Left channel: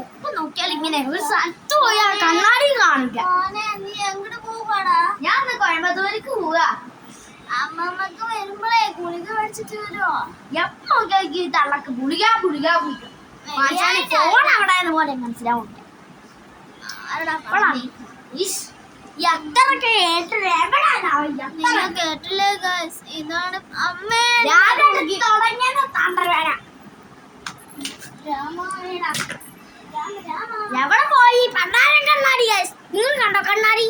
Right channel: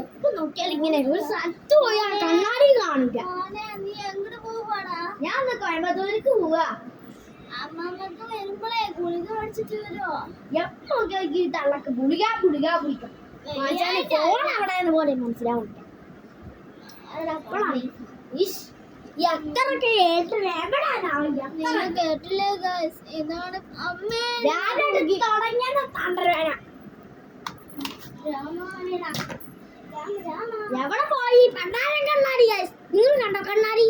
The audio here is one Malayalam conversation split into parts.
എപ്പോ നോക്കിയാലും ഇങ്ങനെ ഒരു സ്ഥലത്ത് പോയാൽ കണ്ണാടി കാണില്ല. ഞാൻ ഒന്ന് കോയമ്പത്തൂർക്ക് പോവാ. അമ്മമ്മക്ക് വരുമ്പോഴേ ഗുളിക മേടിച്ചിട്ട് വരുമോ? എപ്പോ നോക്കിയാൽ തള്ളക്ക് ഗുളിക ഗുളിക ഗുളിക. ഫോൺ അവിടെ പോലെ മനസ്സിലാവില്ല. എത്രയൊക്കെ കേട്ടില്ല, നിങ്ങൾ കേട്ടില്ലേ ഗൈസ്? ഇതാണ് അമ്മ തുടങ്ങിയത് തണ്ടവേന. എവിടെ പോയി പണ്ടാരം കണ്ണാടി? നിങ്ങൾ കണ്ടോ കണ്ണാടി?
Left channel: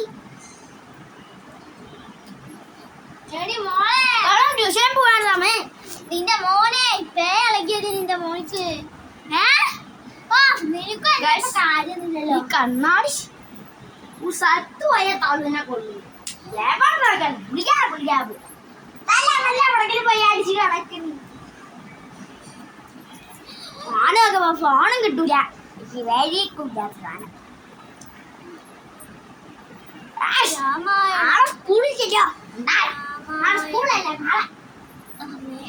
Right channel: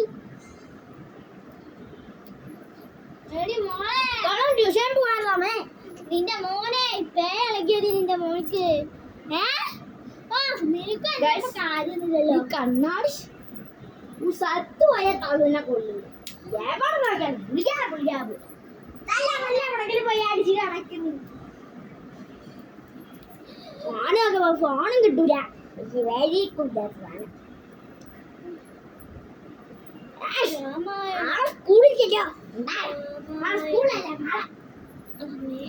ട്യൂഷൻ പോകാൻ സമയം. നിന്റെ മോനെ പേ ഇളകിയത് നിന്റെ മോനിക്ക്. ഈ കണ്ണാടി സ്ഥലത്ത് പോയ തള്ളിനെ കൊള്ളു. എവിടെ നോക്കാൻ വിളിക്കാ നല്ല എവിടെങ്കിലും പോയി അടിച്ച് കിടക്കുന്നു. ഫോണൊക്കെ ഫോണും കിട്ടൂല. സ്കൂളിൽ ചെല്ലോ. സ്കൂളല്ലേ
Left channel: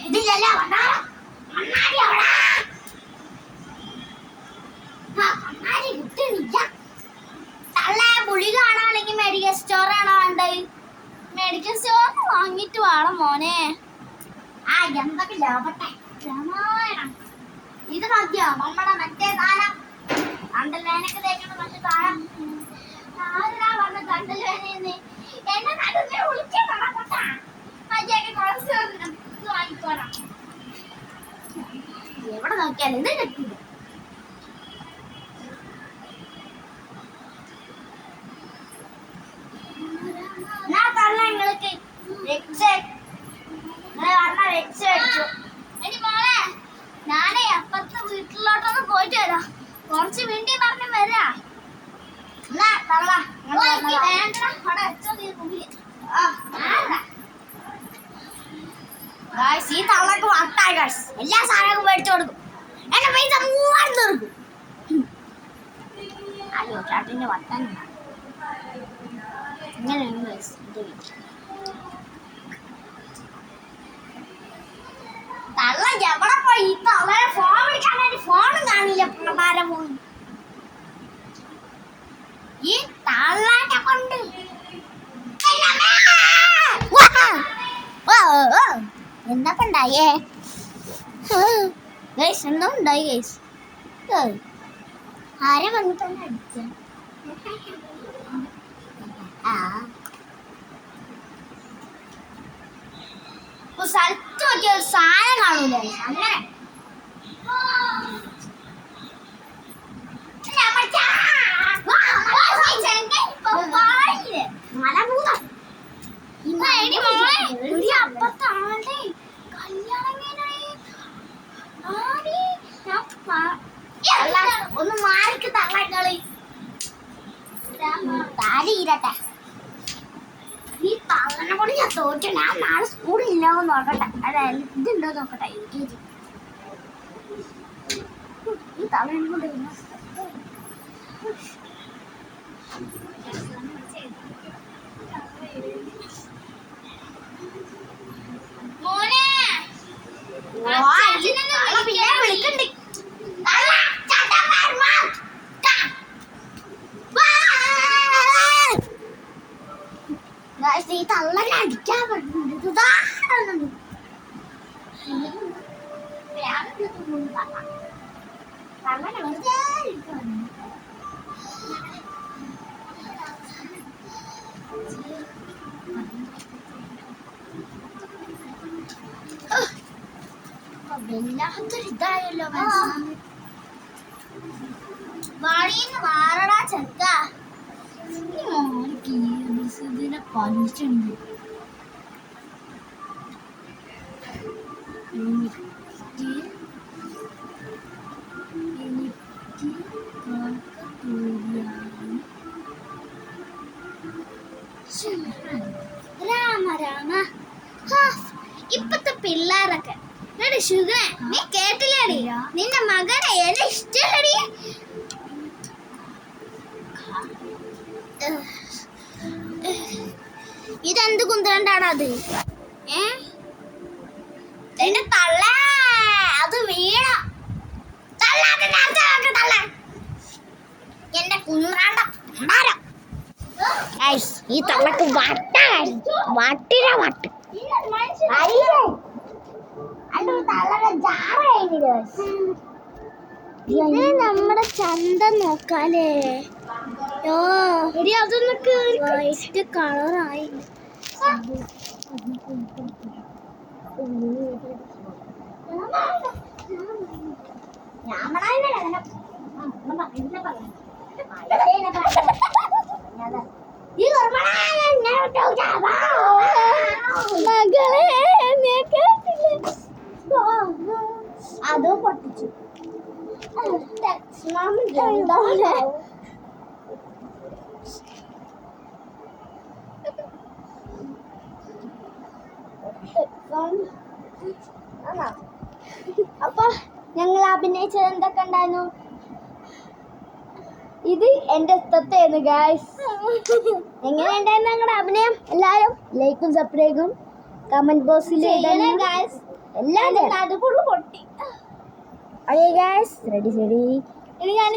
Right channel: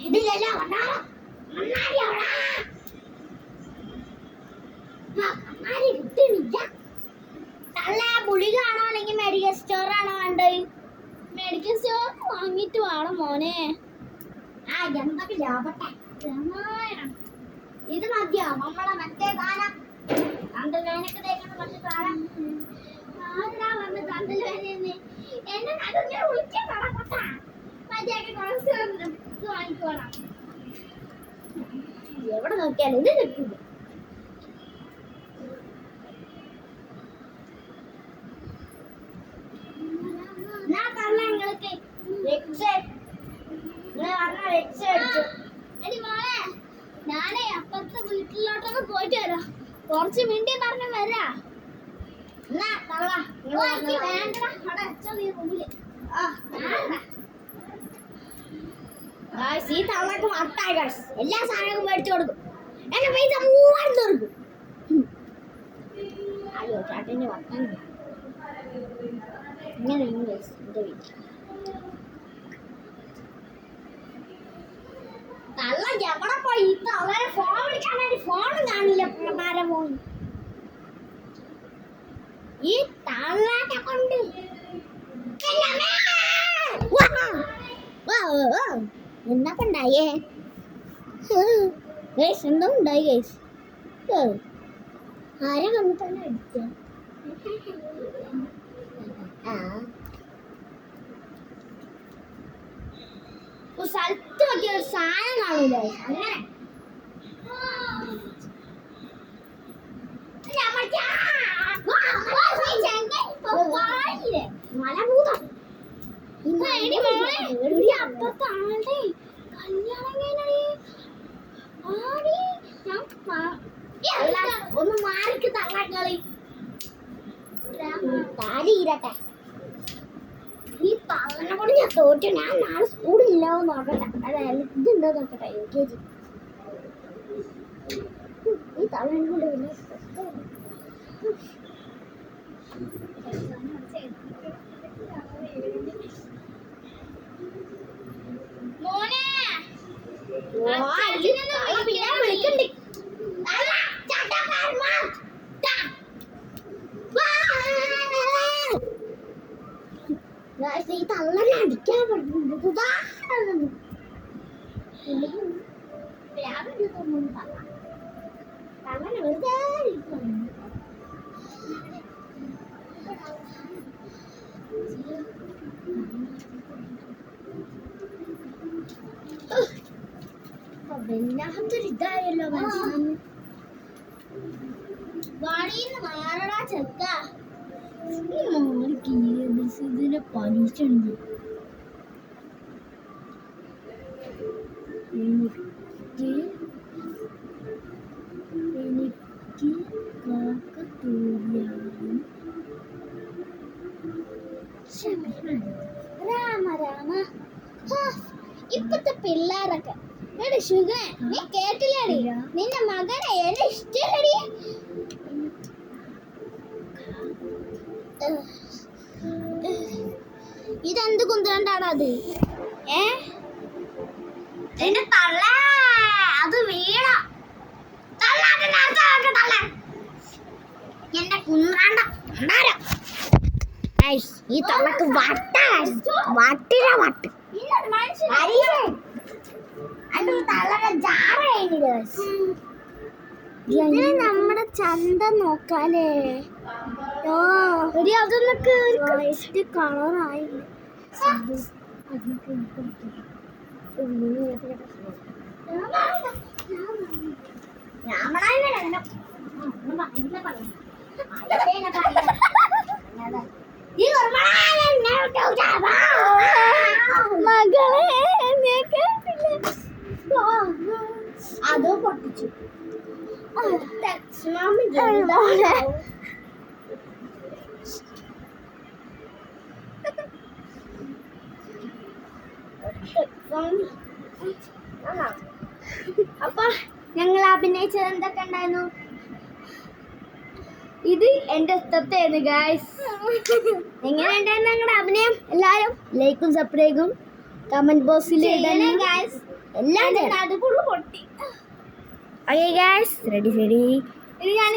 ഇതില്ലല്ലോ. കണ്ണാടി കിട്ടുന്നില്ല. തള്ളേ പുളി കാണാണെങ്കിൽ മെഡിക്കൽ സ്റ്റോർ ആണോ വേണ്ടത്? മെഡിക്കൽ സ്റ്റോർ വാങ്ങിട്ട് വേണം മോനെ. എന്തൊക്കെ ലാഭട്ടെ. ഇത് നോക്കിയോ നമ്മളെ മറ്റേ താരം കണ്ടല്വേനൊക്കെ തേക്കുന്ന മറ്റേ താരം. ആരാ വന്ന് കണ്ടല്വേനെന്ന് എന്നെ നടുവേ വിളിക്കാൻ നടക്കട്ടാ. മറ്റേക്ക് കുറച്ച് വാങ്ങിക്കോളാം. എവിടെ നോക്കിയാലും ഇത് കിട്ടില്ല. ഞാനേ അപ്പുറത്തെ വീട്ടിലോട്ടൊന്ന് പോയിട്ട് വരാം. കുറച്ച് മിണ്ടി പറഞ്ഞു വരാ. ഈ തള്ളക്ക് വട്ടായി എല്ലാ സാധനവും മേടിച്ചു കൊടുക്കും. എന്റെ പൈസ 3000 തീർക്കും. അയ്യോ ചേട്ടന്റെ വട്ടാൻ ഇങ്ങനെയാണ് എന്റെ വീട്ടിൽ. തള്ള എവിടെ പോയി? ഈ തള്ളയെ ഫോൺ വിളിക്കാനായിട്ട് ഫോണും കാണില്ല. പ്രഭാരം പോയി ഈ തള്ളാനെ കൊണ്ട് എന്നപ്പ ഉണ്ടായേ ഗൈസ്? എന്താ ഉണ്ടായി ഗൈസ്? ആരെ വന്നിട്ടാണ് അടിച്ച? സ്ഥലത്ത് നോക്കിയ സാധനം കാണൂല. അങ്ങനെ അപ്പുറത്തെ ആളുടെ കല്യാണം ഒന്ന് മാറിക്ക് തള്ളി താരിരട്ടെ. ഈ തള്ളനെ കൊണ്ട് ഞാൻ തോറ്റു. ഞാൻ നാളെ സ്കൂളില്ലാവോ നോക്കട്ടെ. അതായത് ഇതുണ്ടോ നോക്കട്ടെ. LKG ഈ തള്ളനെ കൊണ്ട് വിളിക്കണ്ട്. ഈ തള്ളനെ അടിക്കാൻ പറ്റുന്നുണ്ട്. തള്ളനെ വെറുതെ വല്ലാത്തൊരിതായല്ലോ. വാടിന്ന് മാറടാ ചെക്ക. ഇതിനെ പലിച്ചുണ്ട്. രാമ രാമ. ഇപ്പത്തെ പിള്ളേരൊക്കെ ഷുഗർ നീ കേട്ടില്ലേടി? നിന്റെ മകനെ എന്നെ ഇഷ്ടല്ലടി. ഇതെന്ത് കുന്തണ്ടാണ് അത്? എന്റെ തള്ള അത് വീണ തള്ള. എന്റെ കുഞ്ഞാണ്ട ഈ തള്ളക്ക് വട്ടിന വട്ട് ഇതിന് നമ്മുടെ ചന്ത നോക്കാലേ അതൊന്നൊക്കെ വൈറ്റ് കളറായി മകളെ അതോ പൊട്ടിച്ചു അപ്പൊ ഞങ്ങൾ അഭിനയിച്ചത് എന്തൊക്കെ ഉണ്ടായിരുന്നു? ഇത് എന്റെ ഇഷ്ടത്തേന് ഗായ്സ്. എങ്ങനെ ഉണ്ടായിരുന്നു ഞങ്ങളുടെ അഭിനയം? എല്ലാരും ലൈക്കും സബ്സ്ക്രൈബും കമന്റ് ബോക്സിൽ എല്ലാം പൊട്ടി ഓക്കേ ഗായ്സ്, റെഡി ഇനി ഞാൻ